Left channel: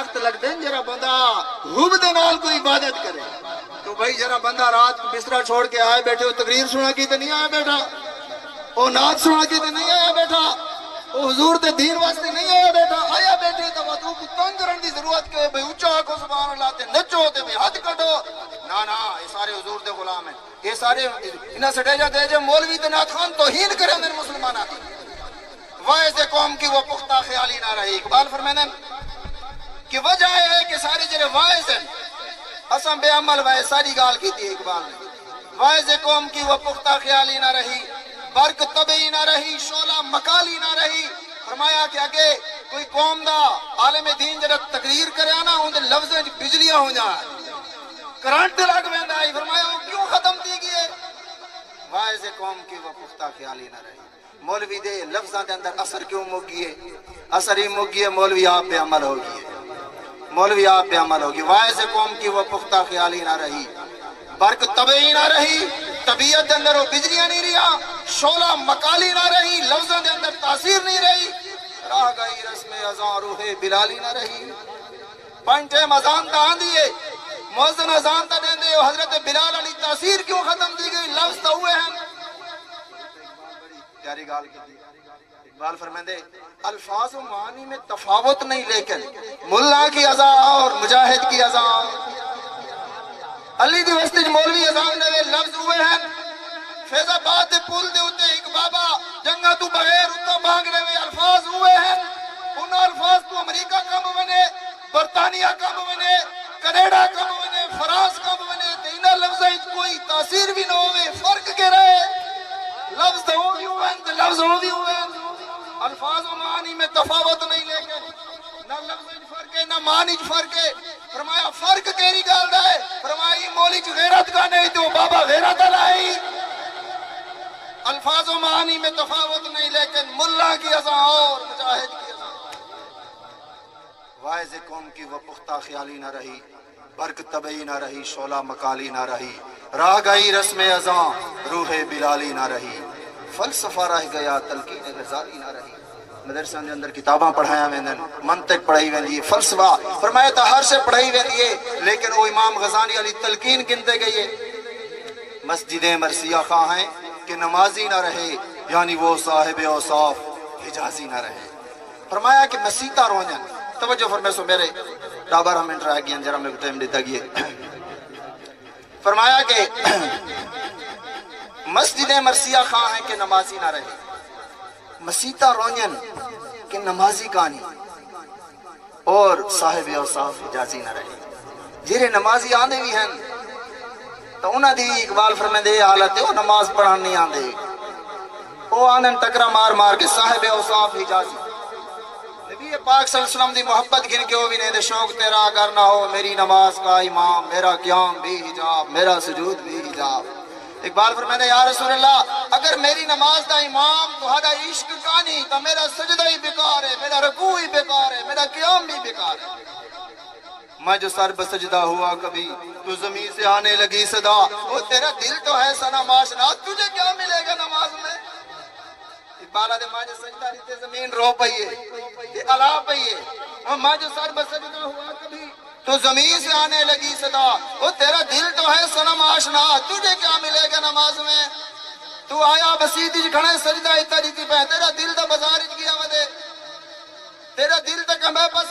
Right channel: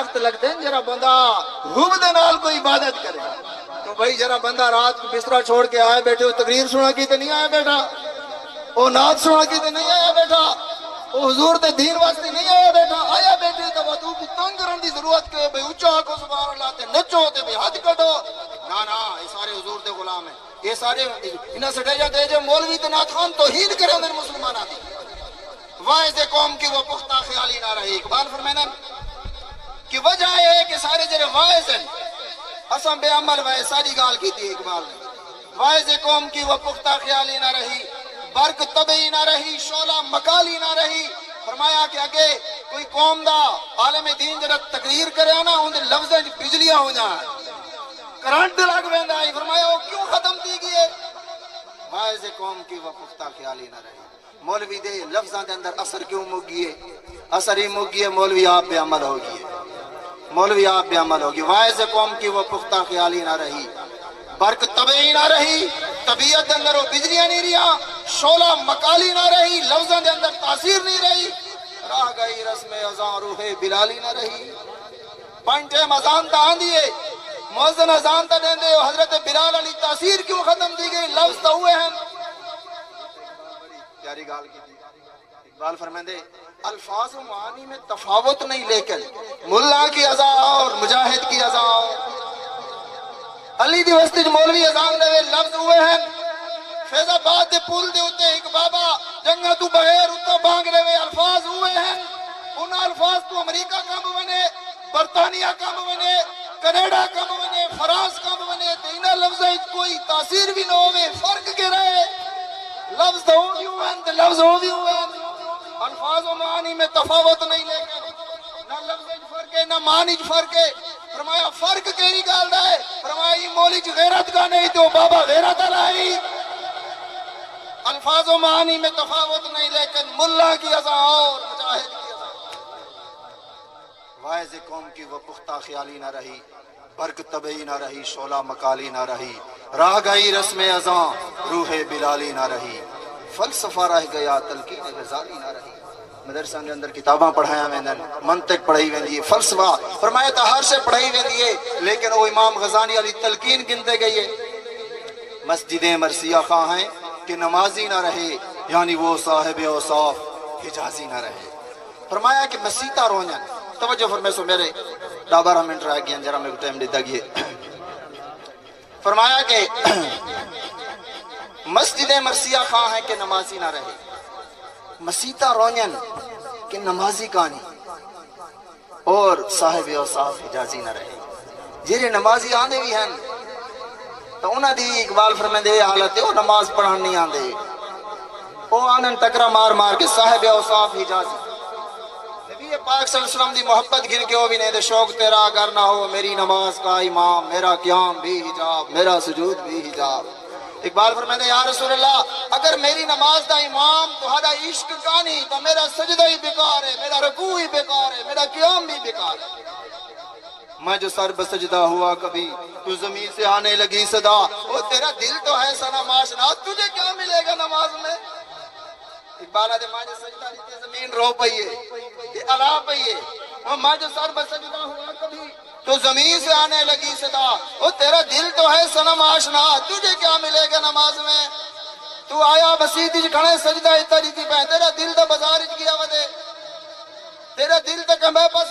درخت لگتے ہیں جرا بندہ حب دے نال کوئی عبادت کرے تو بھائی جرا بندہ رات کو بسترا چھوڑ کے آئے بیٹھے وہ تقریر سنا کی تو نہیں آیا بیٹھا وہ نعت سنا کی تو نہیں آیا بیٹھا وہ حضور تے دین واسطے نہیں آیا بیٹھا آیا بیٹھے تو وہ کو تنگ کرن دی ضرورت کہ بھئی اونچا آکھو سبحان اللہ تے نچو تے بھئی ہاتھ کڈو نا یہ سارے حضور دے غلام ہیں یہ سارے انہاں سٹیجا تے جو مولوی تے نعت خوان توہین کرے اندر مسلماناں دی واعظ قوم کی وہ پختہ خیالی نہ رہی اقبال فرمائیں کہ وجہ ہے کہ سارے جڑے واعظ ہیں اساں بے عمل وائے ساری گال کی تھی اقبال نے واعظ قوم کی وہ پختہ خیالی نہ رہی برق طبعی نہ رہی شعلہ مکالی نہ رہی فرمایا کہ اگے کوئی قوم دا عالم دین جڑا تقریر کرے نا ان دے لفظاں دی بجلیاں ہو جائیں کرنٹ لگ ویندا ہے فرمایا وہ کیوں ختم تھی گئی واعظ قوم کی وہ پختہ خیالی نہ رہی مولوی دے لفظاں دے اندر اثر کیوں مگیے اثر ہی مگیے مولوی آپ بے عمل ہوگی مولوی آپ بے عمل ہوگی واعظ قوم کی وہ پختہ خیالی نہ رہی برق طبعی نہ رہی طبیعت دے اندر وہ بجلیاں نہیں رہا شعلہ مکالی نہ رہی لفظاں دے اندر تاثیر نہیں رہی راہ گئی رسم اذان روح بلالی نہ رہی پنج ٹائم اذان تا آندی ہے مؤذن اذان تا دیندے حضرت بلال علی تاثیر کیوں ختم دی گئی لفظ تو ہوئے ہیں پیاری گال کی تھی اقبال فرمائندے الفاظ و معانی میں تفاوت نہیں لیکن ملا کی اذان اور مجاہد کی اذان علی دی وسطی مولوی اذان دے لفظ ہوئے ہیں فیض آباد دے پول دے ہوتے ایک بابا جنگا تو بغیر اتو بانگ رہے الفاظ ہوئے ہیں ان الفاظ تو امریکہ کم بنے برطانیہ کم بنے کینیڈا کم بنے فرانس کم بنے تینہ لفظیں کوئی تاثیر بھی نہ ہوئے فرق کے رہے لفظ ہو بھی ہوئے ہیں لفظ ہو بھی ہوئے ہیں الفاظ و معانی میں تفاوت نہیں لیکن نہ لفظ فرق ہے نہ معنی فرق ہے فرمایا فرق کیری گال ہے فرمایا مولی چ غیرت کا نہیں تو بابا غیرت لائی الفاظ و معانی میں تفاوت نہیں لیکن ملا کی اذان اور مجاہد کی اذان واعظ قوم کی وہ پختہ خیالی نہ رہی برق طبعی نہ رہی شعلہ مکالی نہ رہی راہ گئی رسم اذان روح بلالی نہ رہی فلسفہ رہ گیا تلقین غزالی نہ رہی مدرسہ کے اندر کتاباں پڑھایا ویندن منطق پڑھائی ویندی ہے فلسفہ فرمایا تو ہر سے پڑھائی ویندی ہے لیکن وہ امام غزالی علی تلقین گنتے گئی ہے مسجدیں مرثیہ خواہ ہیں کہ نمازی نہ رہے یعنی وہ صاحب اوصاف حجازی نہ رہے فرمایا کہ مسیطہ رونجن توجہ فرمائے سو میرے 12 منٹ رہ گیا جرا میں ٹائم دیتا گئے فرمایا کہ مسجدیں مرثیہ خواہ ہیں کہ نمازی نہ رہے مسیطہ رونجن کہ نمازی کانی اور صاحب اوصاف حجازی نہ رہے جیرے نمازی آنے بھی ہیں تو انہاں دی اقبال فرمیندے حالت ہے وہ نماز پڑھان نہیں آندے وہ آنن ٹکرا مار مار کے صاحب اوصاف حجازی نبی پاک صلی اللہ علیہ وسلم دی محبت گھن کے وہ بھی نہیں دے شوق تیرا اگر نہ ہو میری نماز کا امام میرا قیام بھی حجاب میرا سجود بھی حجاب اقبال فرمیندے یا رسول اللہ اگر میری نماز دا امام تو ہدا عشق کانی تو میرا سجدہ ہی بیکار ہے میرا رکوع ہی بیکار ہے میرا قیام بھی بیکار ہے میں جو سر بسجدہ ہوا کبھی تو زمین سے آنے لگی صدا وہ تیرا دل تو ہے سنا معاشنا تجھے کیا ملے گا نماز میں اقبالہ دے ماں جو سجدہ لیتے زمین رو پئیے کہ علا پئیے اور میں جو سر بسجدہ ہوا کبھی تو زمین سے آنے لگی صدا وہ تیرا دل تو ہے سنم آشنا تجھے کیا ملے گا نماز میں تو آیا بسیدی کھڑے سجدہ اتری تھی پہ تیرا دل تو بازار گیا ودے تیرا دل تو کمبے پاس